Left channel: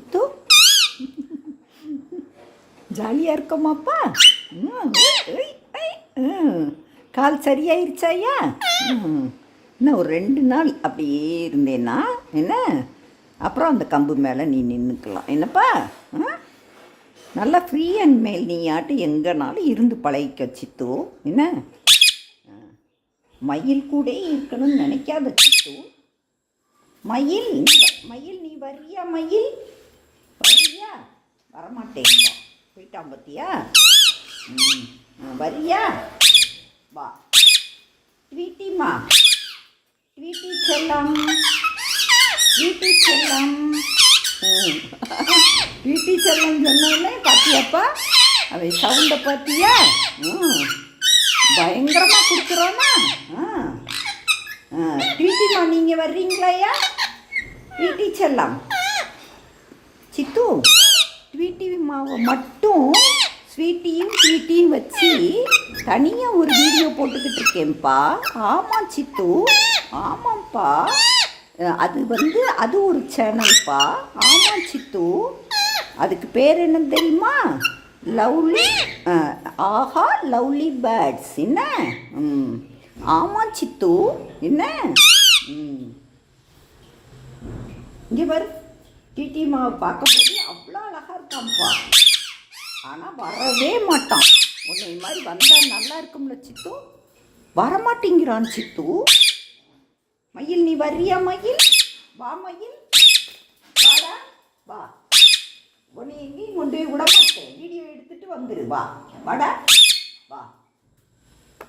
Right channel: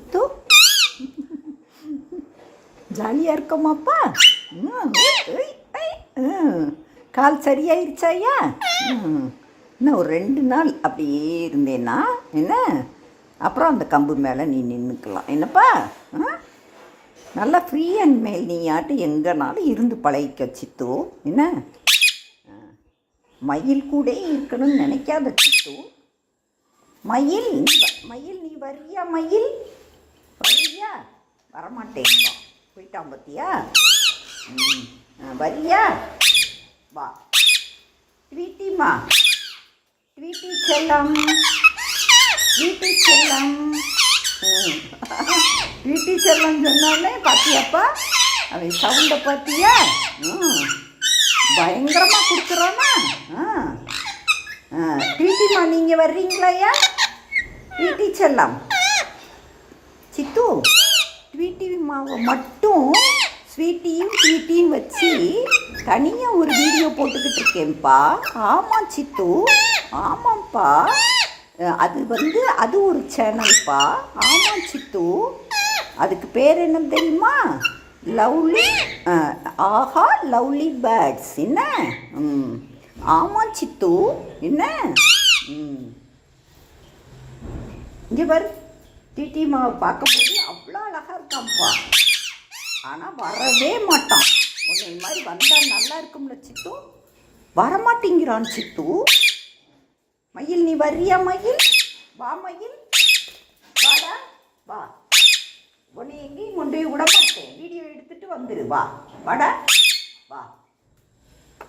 சித்து ஜாலியாக இருக்கோமாப்பா? கால் சரியாயிருச்சாயா? இன்னும் ஒரு 2 நாள் அப்படியே இருந்தேன்னா என்ன, அப்புறம் அந்த கம்பு மேலே நீ நின்றுக்கலாம் என்னப்பா. நல்லா ஃப்ரீ அண்ட் மேல் நீ ஆட்டு எங்கேனாலும் இருந்து பழகிக்க சித்து என்ன. மயில் கூட இருக்கணும்னு நினைக்காத சித்து. மயில் மயில் நீ வரியா? மயில் வரியா? வரமாட்டேன்பா, போயிட்டான் பத்தியா. வரியா? வா ஸ்வீட்டிம்மா, ஸ்வீட்டி செல்லம், ஸ்வீட்டி செல்லம். ஸ்வீட்டி செல்லம் சொன்னோடனே பார்த்தியாப்பா, அது சவுண்டை பார்த்தியா? பயங்கரமாக கொடுக்குறோன்னா. ஸ்வீட்டிம்மா நீங்கள் வர்றீங்களாயா? ஸ்வீட்டி செல்லம் சித்து, ஸ்வீட்டி மாவை மட்டும் ஸ்வீட்டியும் ஸ்வீட்டியும் வச்சு தனியாக ஒரு வீடியோ போட்டுக்கிட்டு இருக்கேன்ப்பா. ஆமாம் சித்து, ஆமாம்ப்பா. அது ஒரு சேனல்ப்பா. ஆமாம் சித்து, அதுக்கு பேர் என்ன தெரியுமா? லவ்லி ஆஹா லவ்லி பேர்ட்ஸ் என்ன. ஆமாம் சித்து என்ன. இங்கே பாரு, டிடி மாவை பார்க்கும்போது அவ்வளோ அழகாக இருக்கான்ப்பா. ஆனால் வரவே மாட்டான். உன்னை மாதிரி வந்தால் நல்லா இருக்கும்ல சித்து, வரமாட்டேங்கிறான் சித்து. மயில் நீ வர்றியா? மயில் வா, மயில் வாடா வா. உன்னை எங்கேயும் கொண்டு போய் விட மாட்டேன், வீடியோ எடுத்துகிட்டு வந்துடு. வா வாடா வா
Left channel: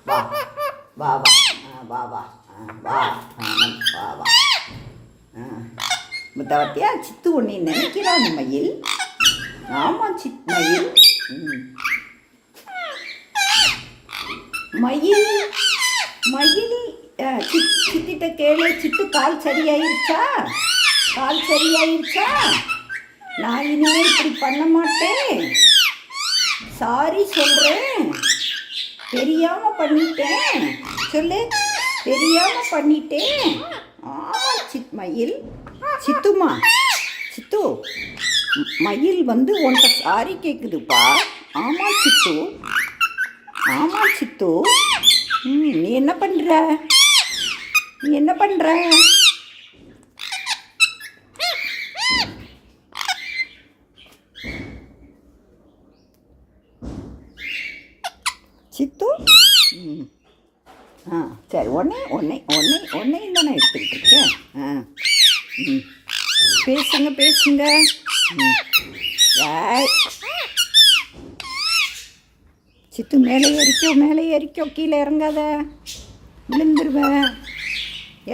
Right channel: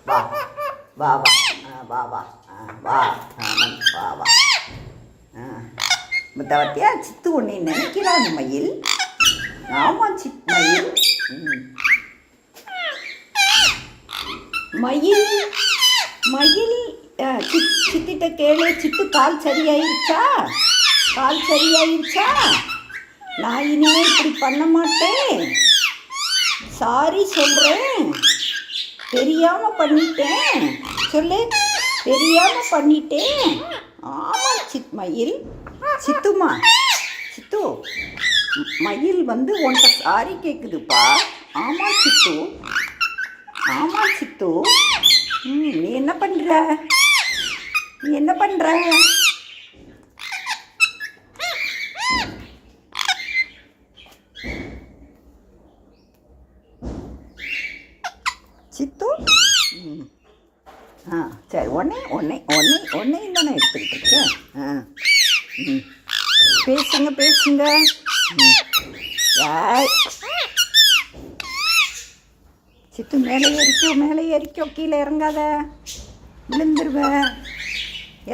வா வா வா வா வா வா வா வா. முத்தவத்தியா சித்து உன்னை நினைக்கிறான் மயில். ஆமாம் மயில். மயில் மயில் சித்திட்ட கேளு. சித்து கால் சரியாயிருச்சா? கால் சரியாயிருச்சா? நான் இனிமேல் இப்படி பண்ண மாட்டேன், சாரி சொல்கிறேன், தெரியாமல் பண்ணிட்டேன் சொல்லு, தெரியாமல் பண்ணிட்டேன். ஆமாம் மயில். சித்துமா, சித்து மயில் உன்கிட்ட சாரி கேட்குதுப்பா. ஆமாம் சித்து, ஆமாம் சித்து. நீ என்ன பண்ணுற? நீ என்ன பண்ணுற? சித்து சரி, ஒன்னையும் தானே எடுத்துக்கிட்டு இருக்கேன். பேசுங்க பேசுங்க. சித்து மேலே ஏறிக்கோ, கீழே இறங்காத, விழுந்துருவ,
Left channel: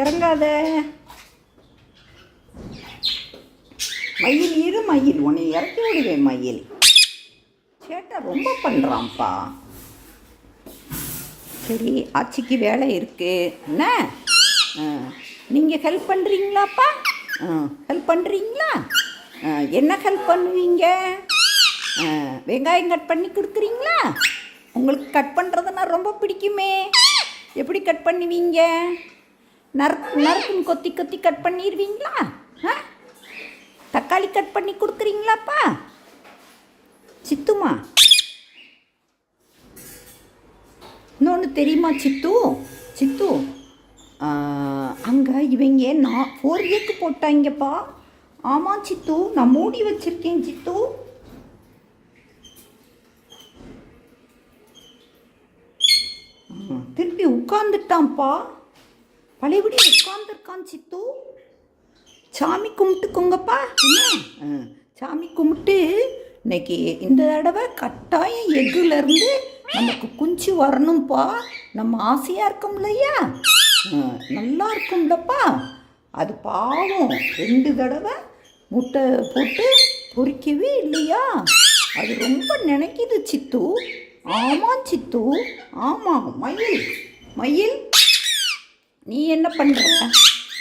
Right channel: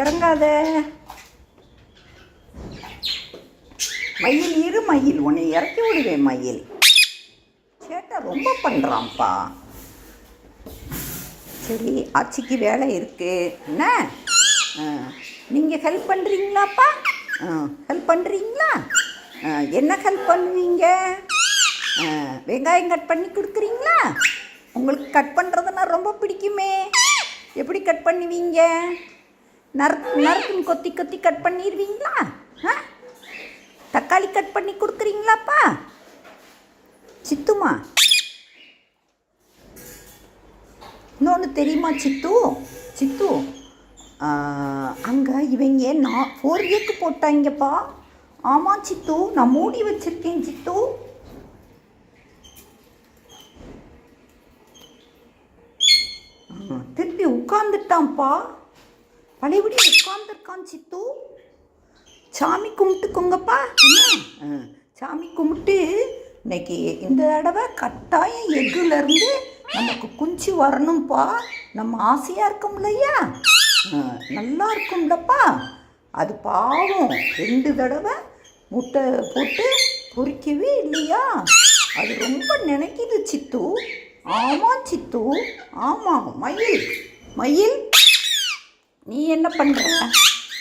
இறங்காத. மயில் இரு, மயில் உன்னை இறக்கி விடுவேன். மயில் சேட்டை ரொம்ப பண்ணுறான்ப்பா. சரி, ஆச்சிக்கு வேலை இருக்குது என்ன. நீங்கள் ஹெல்ப் பண்ணுறீங்களாப்பா? ஹெல்ப் பண்ணுறீங்களா? என்ன ஹெல்ப் பண்ணுவீங்க? வெங்காயம் கட் பண்ணி கொடுக்குறீங்களா? உங்களுக்கு கட் பண்ணுறதுன்னா ரொம்ப பிடிக்குமே. எப்படி கட் பண்ணுவீங்க? நறுக்குன்னு கொத்தி கொத்தி கட் பண்ணிடுவீங்களா? தக்காளி கட் பண்ணி கொடுக்குறீங்களாப்பா? சித்துமா, இன்னொன்று தெரியுமா சித்து? சித்து அங்கே இவங்க 4 ஏக்கு போட்டாங்கப்பா. ஆமாம் சித்து, நான் மூடி வச்சுருக்கேன் சித்து. திருப்பி உட்காந்துட்டான்ப்பா, பழையபடி உட்காந்துருக்கான் சித்து. சாமி கும்பிட்டுக்கோங்கப்பா என்ன. சாமி கும்பிட்டு இன்னைக்கு இந்த தடவை கட்டாயம் எக்குலேருந்து நமக்கு குஞ்சு வரணும்ப்பா. நம்ம ஆசையாக இருக்கோம் இல்லையா, நல்லா இருக்கும்லப்பா. அது பாவம் 2 தடவை முட்டை போட்டு பொறிக்கவே இல்லையா, அது ரொம்ப நினைக்கிது சித்து. ஆமாம் சித்து, ஆமாம். மயில் மயில் நீ என்ன பண்ணுற?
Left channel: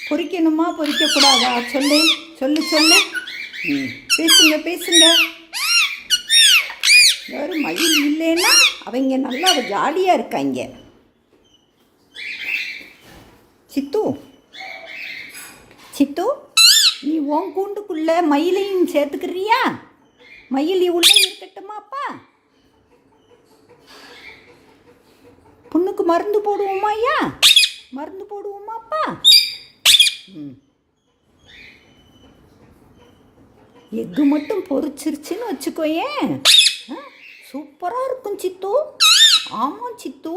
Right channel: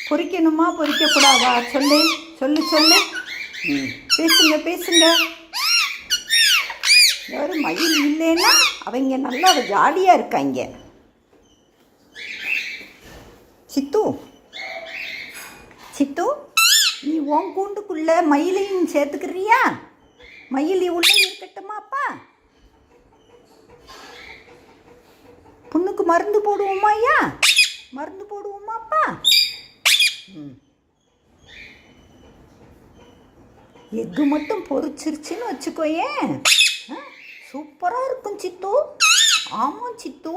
பொறிக்கணுமா பொறிக்கக்கூடாதா? சொல்லு சொல்லு சொல்லு. பேசுங்க பேசுங்க. வேறு மயில் இல்லைன்னா அவங்க நல்லா ஜாலியாக இருக்காங்க. சித்து சித்து நீ உன் கூண்டுக்குள்ளே மயிலையும் சேர்த்துக்கிறியா? மயில் உள்ளே இருக்கட்டுமாப்பா? புண்ணுக்கு மருந்து போடுவோமாய்யா? மருந்து போடுவோமாப்பா? எக்கு மட்டும் பொரிச்சிருச்சுன்னு வச்சுக்கோயேன், சூப்பராக இருக்கும் சித்து. ஆமாம் சித்து,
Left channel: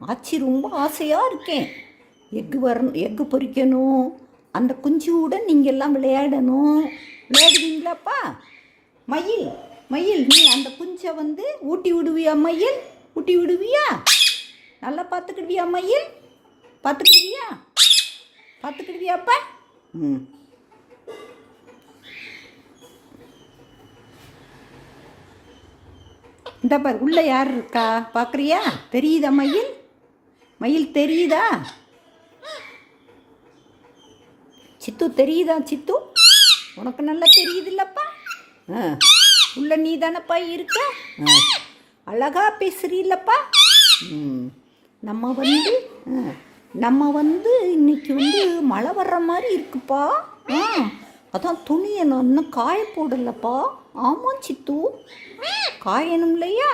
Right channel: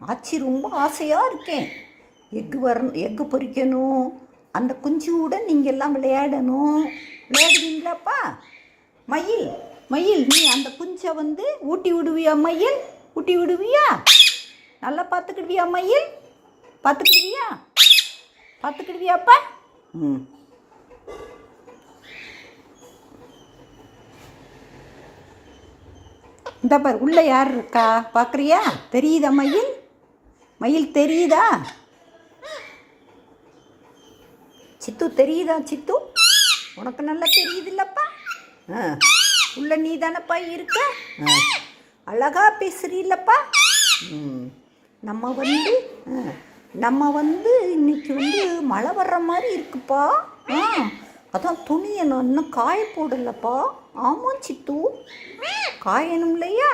ஆச்சி ரொம்ப ஆசையாக இருக்கேன். எக்கு பொரிக்கணும், அந்த குஞ்சியுடன் நீங்கள் எல்லாம் விளையாடணும். விளையாடுவீங்களாப்பா? மயில் மயில் நீ அந்த குஞ்சை ஊட்டி விடுவியா? மயில் ஊட்டி விடுவியா? நல்லா பார்த்துக்கிடுவியா? மயில் பார்த்துக்கிடுவியா? பார்த்துக்கிடுவியாப்பா? இந்த பார், உள்ளே யார் இருக்கா பார்க்குறியா? தெரியுதா மயில்? மயில் தெரியுதா? சித்து தெரியுதா? சித்து உனக்கு நல்லா தெரியுது இல்லப்பா? உள்ள நீ தானப்பா இருக்க? அழகா பேசுறீல்லப்பா? நம்ம இன்னைக்கு மழை வர்ற மாதிரி இருக்குப்பா. அதான் துணியை நான் இன்னும் காய போடலப்பா. ஆமாம் சித்து, காயணும் இல்லையா?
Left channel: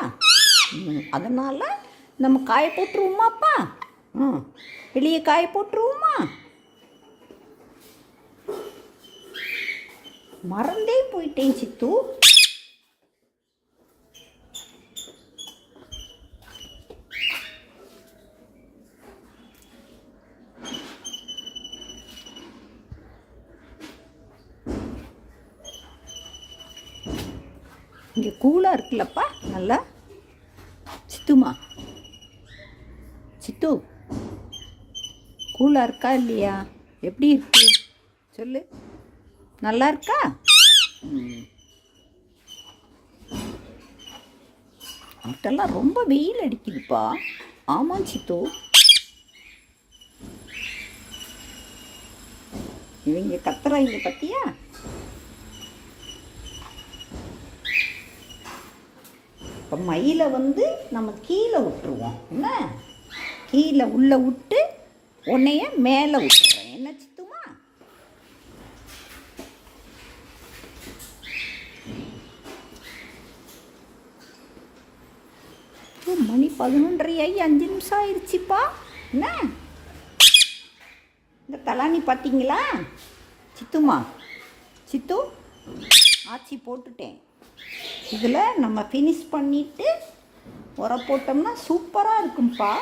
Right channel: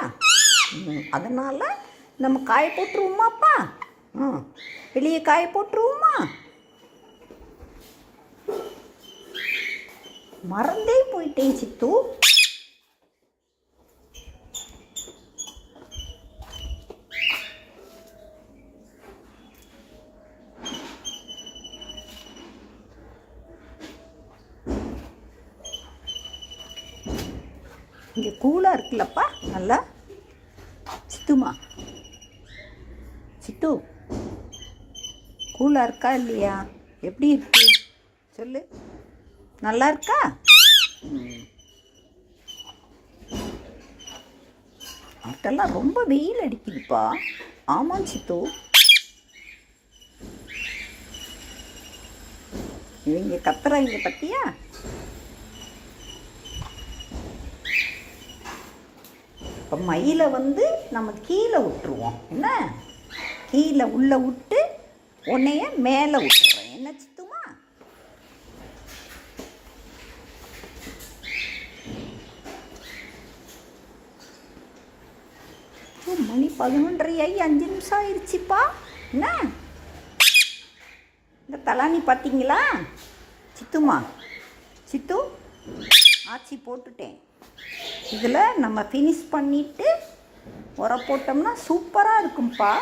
அதனால் நம்ம காய போட்டுருவோமாப்பா? வெளியே காய போட்டுருவோமா? மறந்தே போயிட்டேன் சித்து. இங்கே கூலாக இருக்குல்லப்பா நல்லா? சித்துமா, சித்து கூலாக இருக்கா இல்லையா? எப்படி இருக்கு சொல்லு. நல்லா இருக்கா? அதெல்லாம் ரொம்ப வெயில் அடிக்குதுப்பா. ஆமாம் சித்து, இவங்க கத்துறாங்க பத்தியா? இப்போ மயிலை நம்ம கீழே விட்டுருவோம். என்ன, கீழே உள்ளே விட்டு உன்னைய மேலே விட்டுறேன். என்ன சித்துமா? மணி 11:30 ஆகி 5 நிமிஷம் ஆயிடுச்சுப்பா. என்ன இந்த தலானி பார்த்தீங்களா சித்துமா? சித்து ஆச்சி போட்டுட்டேன். இதில் நம்ம ஃபினிஷ் பண்ணிவிட்டு உர போட்டோம்னா சூப்பராக இருக்கும்ப்பா.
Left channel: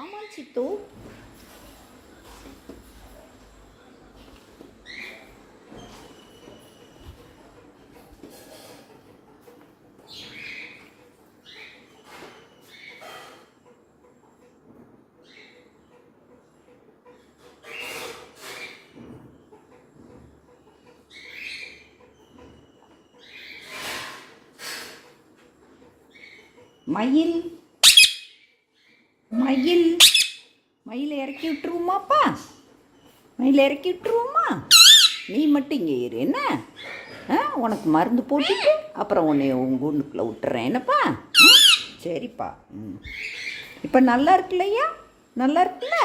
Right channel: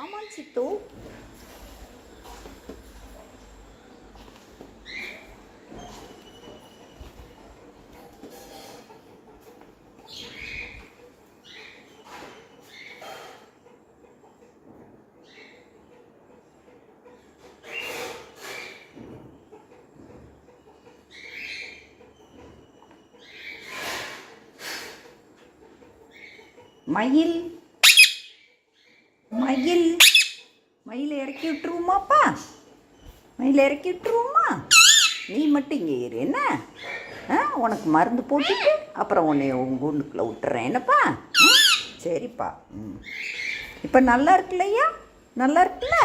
ஆமாம் சித்து. மயில் மயில் மயிலை இறக்கி விட்டுருவோமாப்பா? மயிலை இறக்கி விட்டுருவோமா? நீ மட்டும் இங்கே இரு. என்ன, உனக்கு மருந்து போட்டுட்டு அப்புறம் உன்னை உங்கள் கூண்டுக்குள்ளே விட்டுறேன். என்னப்பா? சரிப்பா. இப்போ நல்லா இருக்குல்லையா? நல்லா இருக்குல்ல?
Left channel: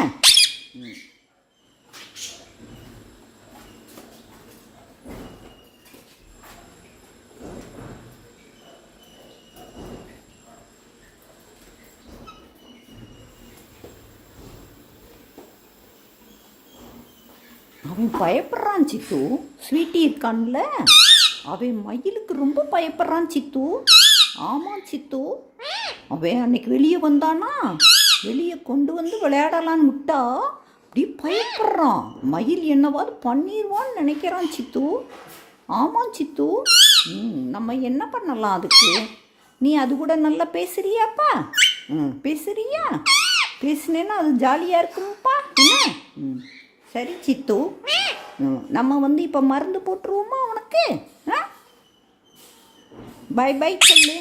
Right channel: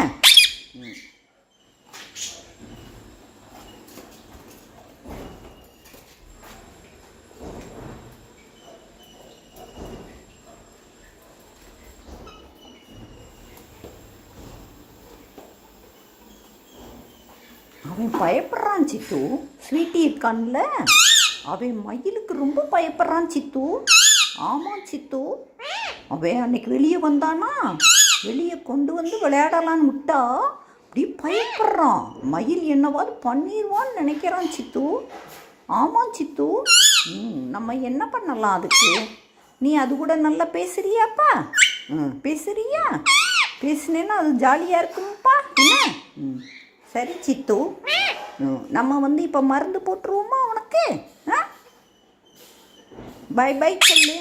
அவன் பயப்படுறான் சித்து. ஸ்வீட்டி இருக்கான்ல, அவன் மயிலுக்கு ரொம்ப பயப்படுறான் சித்து. ஆமாம் சித்து, அவன் அன்னைக்கு வெளியே வந்தானா, வெளியே கொண்டு விளையாடலான்னு விட்டா அப்படி பயப்படுறான். மயில் என்னவாது பண்ணிடுவான்னு நினைக்கிறான் சித்து. ஆமாம் சித்து, நம்ம என்ன பண்ணலாம் அதுக்கு? நீ அது கூட நல்லா பேசுறியாப்பா? பேசுறியா? பேசுனேன்னா அது ஜாலியாக இருக்கும்ப்பா. என்ன, சரி சித்து, நம்ம இப்போ மருந்து போட்டுருவோமா உனக்கு? பை பை சொல்லு.